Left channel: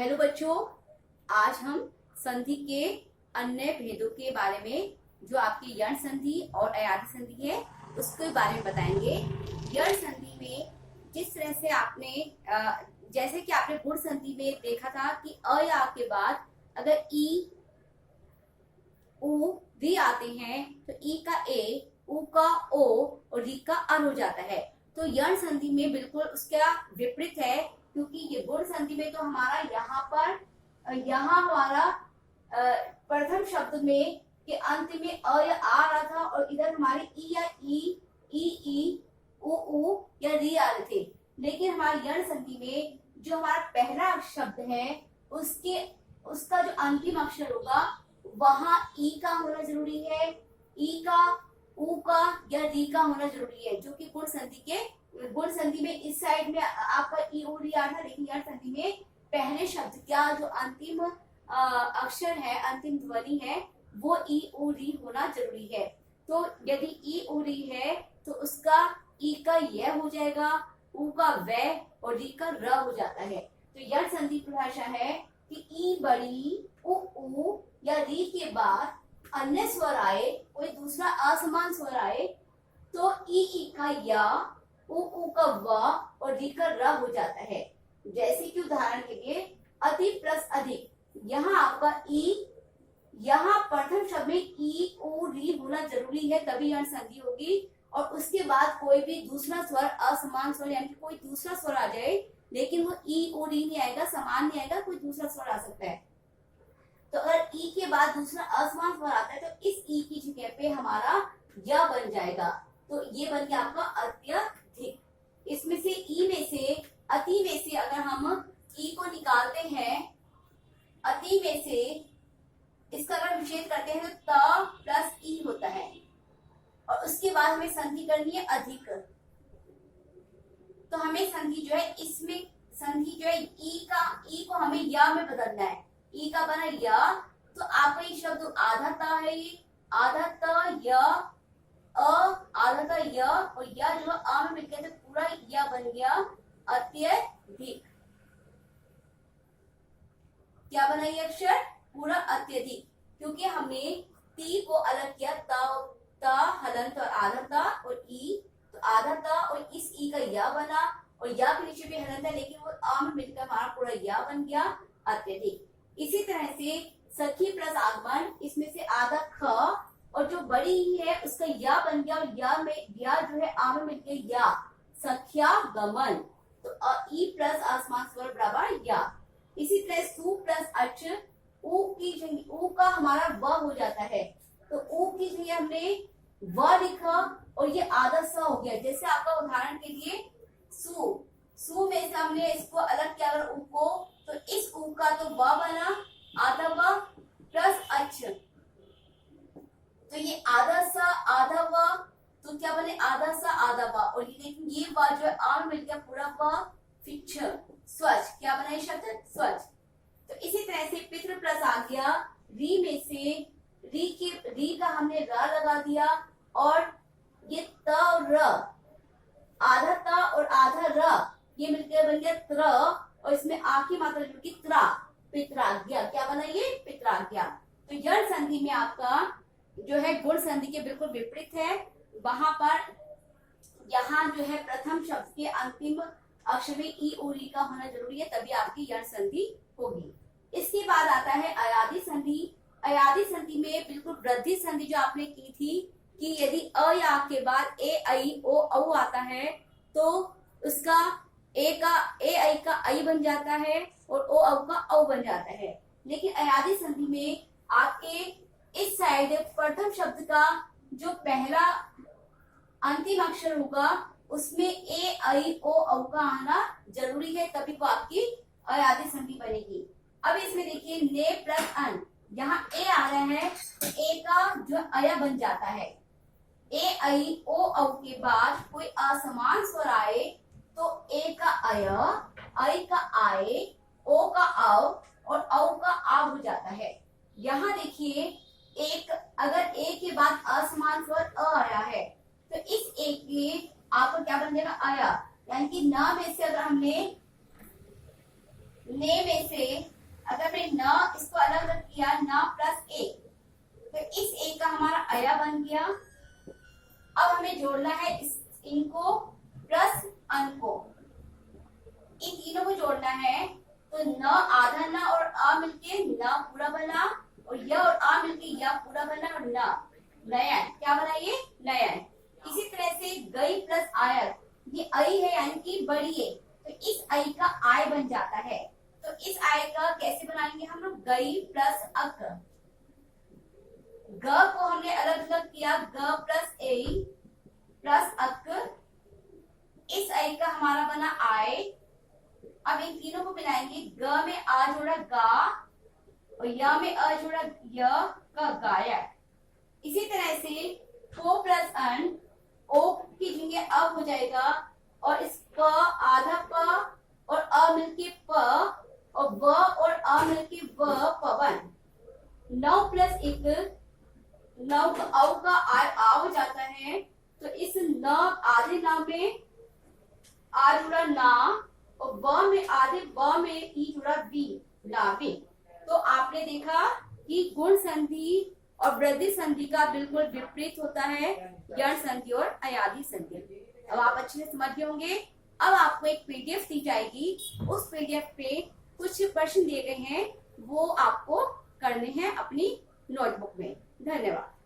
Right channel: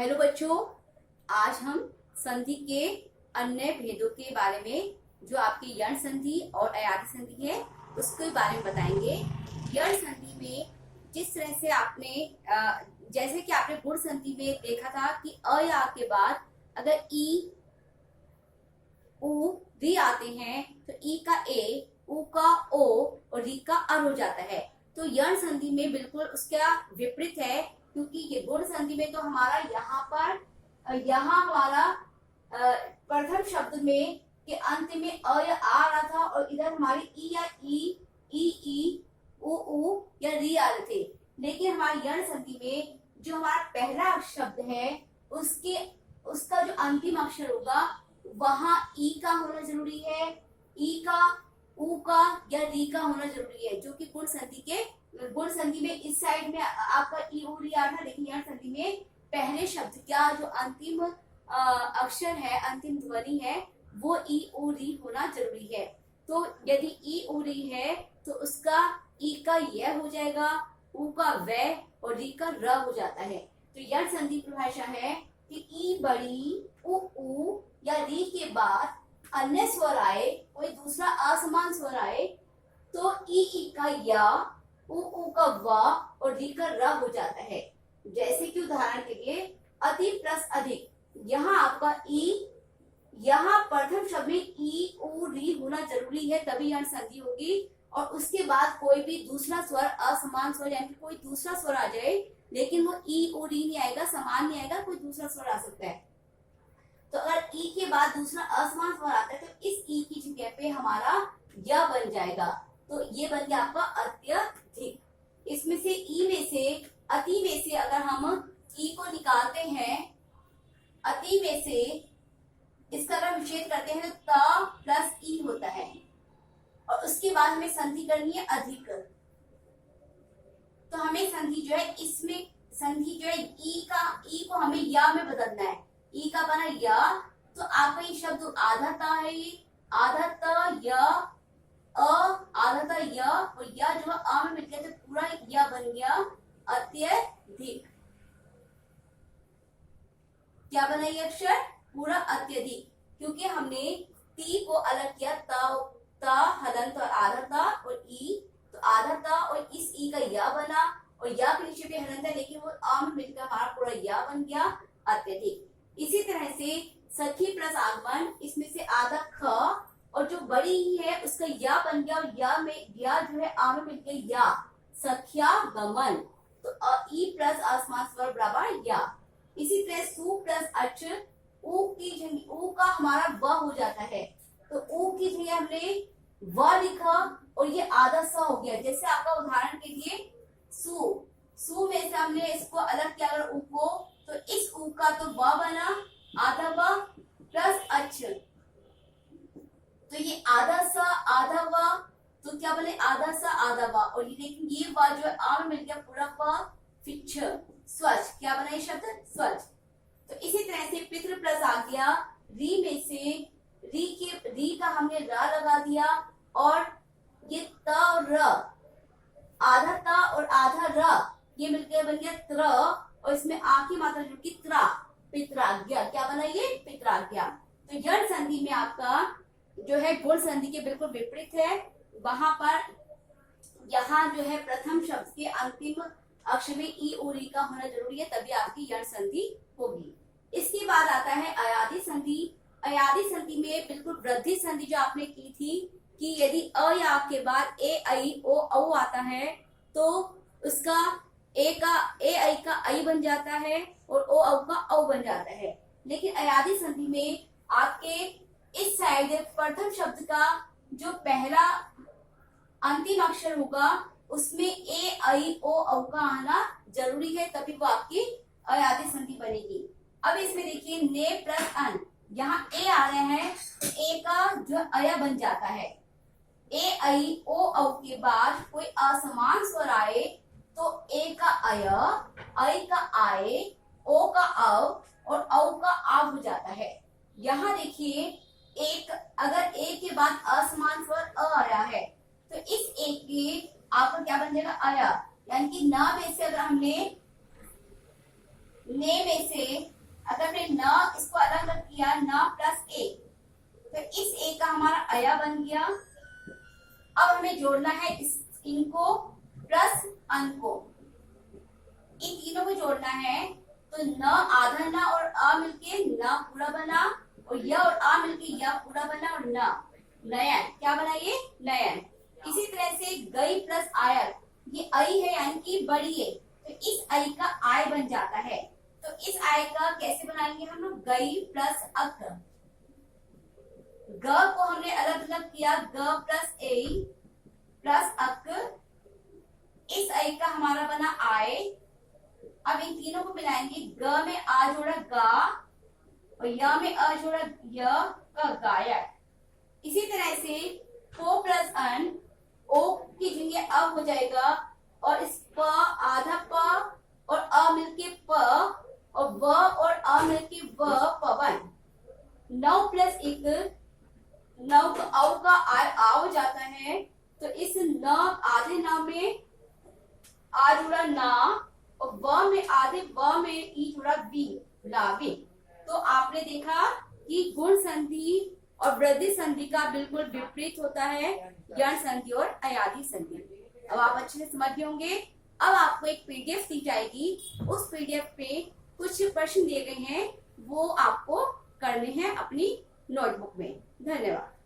Hello बच्चों, आज हम संधि के अन्य भेदों के बारे में जो आपकी यण संधि और अयादी संधि है उसके बारे में बताएंगे। यण संधि में जिस तरह से आपने जैसे कि आपने गुण संधि में देखा था कि अ या आ के बाद अगर ई उ री आते हैं तो ई का ए, उ का ओ और री का अर हो जाता है। तो यण संधि में बिल्कुल उसका विपरीत है, क्योंकि ये गुण संधि में तो हमारा यहाँ हमारा प्रथम शब्द में के अंत में अ या आ रहा था और इधर हमारे ई या ई उ या री आ रहे थे। लेकिन हमारे यण संधि में जो हमारा पहला शब्द है उसका जो अंतिम अक्षर होगा वहां ई का होना जरूरी है, ई का, उ का या री का होना जरूरी है, जो कि गुण संधि में इस साइड में आपका ई उ री आ था। लेकिन यण संधि में पहले शब्द का जो अंतिम अक्षर है, अंतिम ध्वनि है, वो ई उ री होना जरूरी है। तो यदि ई उ री है तो उसका ई का य हो जाएगा, उ का व और री का र हो जाता है। तो यण संधि परिभाषा है कि ई बड़ी उ या री के बाद अन्य स्वर आए, कोई दूसरा असमान स्वर आए तो ई का या, उ का व और री का र हो जाता है। जैसे कि उदाहरण के लिए अति प्लस अधिक, यहाँ आपका ई, यहाँ प्रथम शब्द में ई उ री होना जरूरी है, तभी यण संधि होगी। और उसके बाद कोई भी दूसरा स्वर, असमान स्वर यानी कोई दूसरा स्वर आ जाए, लेकिन वो ई उ री नहीं आएगा, समान नहीं आएगा, कोई दूसरा स्वर आ सकता है। तो अगर ई के बाद दूसरा असमान स्वर आता है तो इस ई की जगह पे हमारा य बन जाएगा। तो ये बन गया आपका अत्यधिक। इसमें से ई में से, अति में से अगर हम ई को निकालते हैं, अति में से इसका अगर विच्छेद करते हैं तो त प्लस ई होता है और उसके बाद हमें संधि करनी है अधिक। तो हमें संधि जो है, इसमें संधि जो है ई को हमें या में बदलना है। ई का बना या, तो आपका ये शब्द आधा ता है, ये आधा त य आधा ता य और या जो अ में मिल गया तो पूरा या बन गया अत्यधिक। क्या बना ये अक्षर? पूरा अत्यधिक, क्योंकि हमने ती को अलग किया, ता हलंत और आधा ता और ई, तो आधा ता और इस ई का या बना और या के नीचे भी हलंत है, लेकिन वो आ में मिलकर हमारा पूरा या बन गया अत्यधिक। इसी तरह से सखी प्लस आगमन, इसमें से आधा ख और जो बड़ी ही है उसका या बन गया और या जो है आ में मिलकर या, सख्या गमन। तो ई प्लस आसमान स्वर बराबर या। इसी तरह सु प्लस अच, उ का हमारा व हो जाता है, तो उ की जगह हमने व लिखा और ये आधा स हो गया। जैसे आपका उदाहरण के लिए सु में से हमने इसको अलग किया अगर उ को, तो इस उ का तो व बना, आधा व प्लस अच, तो ये आधा स आधा व, तो क्या बने आधा स आधा व, और ये लेकिन ये व जो है आ में मिल गया पूरा व, फिक्ष स्वच्छ, क्या बना ये शब्द? स्वच्छ। तो इसी तरह से पितृ प्लस आ गया, री में से री का हमने र लगा दिया और ये त और र, आधा त और आधा र, ये मिलकर बन गया त्र और इसमें आ की मात्रा जुड़ की त्रा, पित्राज्ञा। क्या बना ये? पित्राज्ञा। तो यण संधि में आपका जो है गुण संधि के बिल्कुल विपरीत है। वहां पर यहाँ जो है प्रथम शब्द के अंतिम अक्षर में ई उ री का होना जरूरी है, तभी आपकी यण संधि होगी। इसके बाद आता है अयादी संधि। अयादी संधि में बिल्कुल वृद्धि संधि जो आपने की थी कि यदि अ या के बाद ए आई ओ औ आता है तो उसका ए आई का आई बन जाता है और ओ औ का औ बन जाता है। लेकिन अयादी संधि में आपके इस साइड प्रथम शब्द का जो पहला अंतिम अक्षर होगा उसमें ए आई ओ औ का आना जरूरी है, तभी वो आपकी अयादी संधि बनेगी। अब इसमें देखिए ने प्लस अन, यहाँ ए आ रहा है तो ए का जो अय बन जाता है। ए आई ओ औ के बाद कोई असमान स्वर आए तो ए का अय, आई का आए, ओ का औ और औ का आ हो जाता है। यहाँ देखिए एक, अगर ए के बाद असमान स्वर अ आया है तो इस ए के आपका क्या बन जाएगा? आया, यानी कि न में से अगर हमने ने में से अगर हमने न इसको अलग अलग किया, न प्लस ए, तो इस ए का हमारा अया बन गया। अब हमें जोड़ना है इनको प्लस अन को, इन तीनों को जोड़ना है। तो न आधा न और अ मिलके न पूरा बना, और य और आ मिलके य पूरा बना, और न नयन, क्या बना ये नयन। इसी तरह से गई प्लस आयर, ये आई है यानी कि बड़ी है, तो इस आई का आय बन जाता है। तो इस आय का कैसे बनाएंगे हम लोग, गई प्लस अक, ग को हमने अलग अलग किया, ग प्लस ए प्लस अक, इस आई का हमारा बना आय। अब इन तीनों को मिलाएंगे, ग में आ जोड़ा गा, और य में अ जोड़ा य का गायक। इसी तरह से पो प्लस अन, ओ की जगह अ हो जाएगा, और इस प आधा प और अ मिलके प, और व और अ मिलके व, पवन। 9 प्लस 1, 9 का औ का आ हो जाता है, तो इस न आधे न में आ जुड़ा ना, और व में आधे व में ई जुड़ा वी, लावी। तो आपने देखा कि गुण संधि और वृद्धि संधि का बिल्कुल विपरीत होता है यण संधि और अयादी संधि। अब आप अच्छे से समझ गए होंगे। अब आपको एक पीडीएफ दी जाएगी, उस पीडीएफ पे कुछ प्रश्न दिए गए हैं, वो आपको करने हैं अपनी नोटबुक में। धन्यवाद।